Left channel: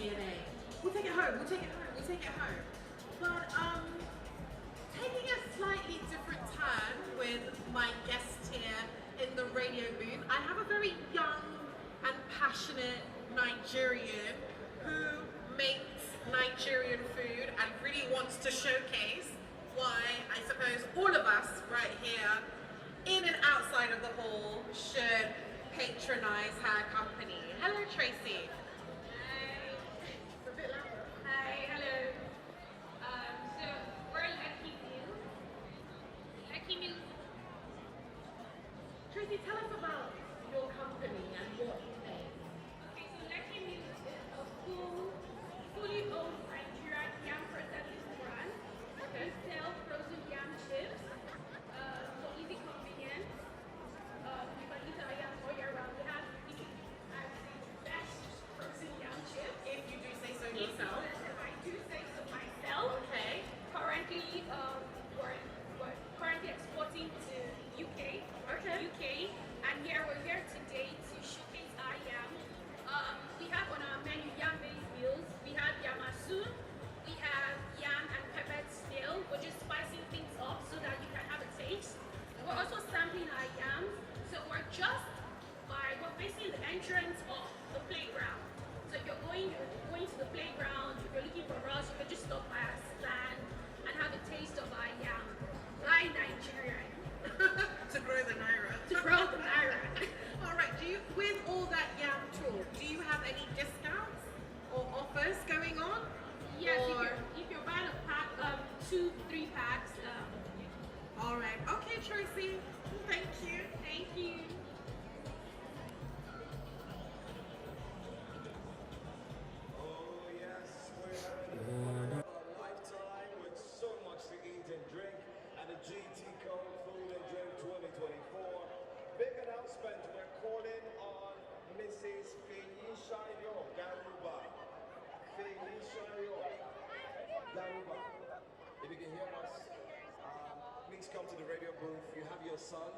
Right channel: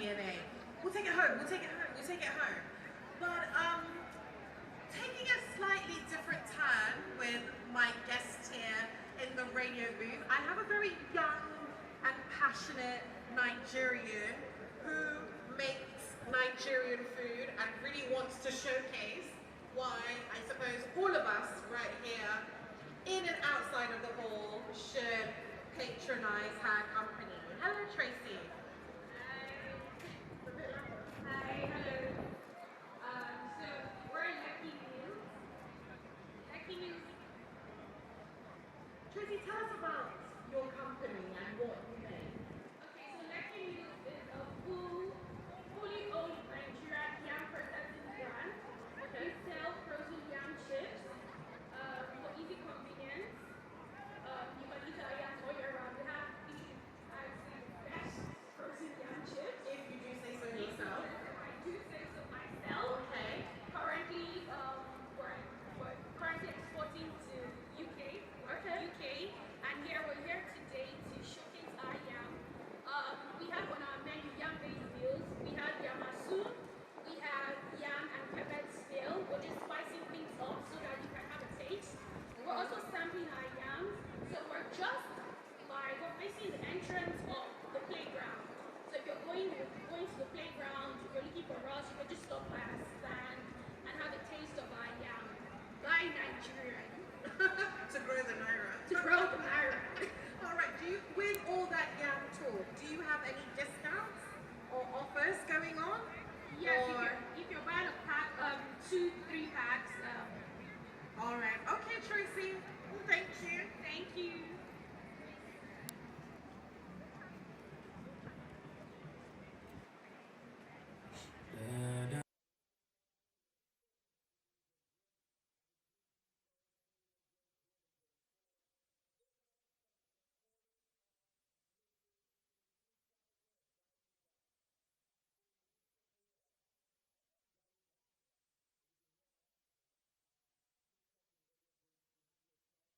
DNA. We'll take it home, we'll take it home, we'll take it home. But taking a slightly different turn with my guest here in the radio booth, I have a very young and passionate Nigerian who makes Nigerian food and really wants to showcase why I suppose all of us right here in and outside of the hall should patronize her company. Hello, Tracy. Hi. Hi, hello. So we're Lucky Meals. Lucky Meals. Tracy, tell us about your company and what you make. Okay, so Lucky Meals is a fully owned Nigerian yam processing brand. Okay. We sell frozen yam chips for easy convenience. You can eat our yam all year round. We have the best frozen yam chips. If you do say so yourself. I do say so myself. Okay. Currently, we're currently exporting to UK. Okay. UK, and we're here today to showcase our yam. We have on our menu yam-based meals. We have yamasu, we have yam and pepper snail. We're just spicing things up so that you can have a taste. We're also sampling our yams. So we're facing the entrance of the playground. So if you're going to the playground, if you're looking for us, you can just stop by our stand and have a taste of our yam. Why Nigerian? To grow the naira. To grow the naira. All right. With all that yam talk, do you have any discounts or offers going on? Yes, if you're buying a pack, 2-3 packs. All right. Okay, Tracy. Thank you. Thank you. Oh yes, we're a lifetime with so much to eat and drink, and the GT Code Food and Drink 2024. Big announcement, we're calling on Mrs. Feyishayo Garuba. Feyishayo Garuba. If you can hear us, please come to the radio booth. You have your son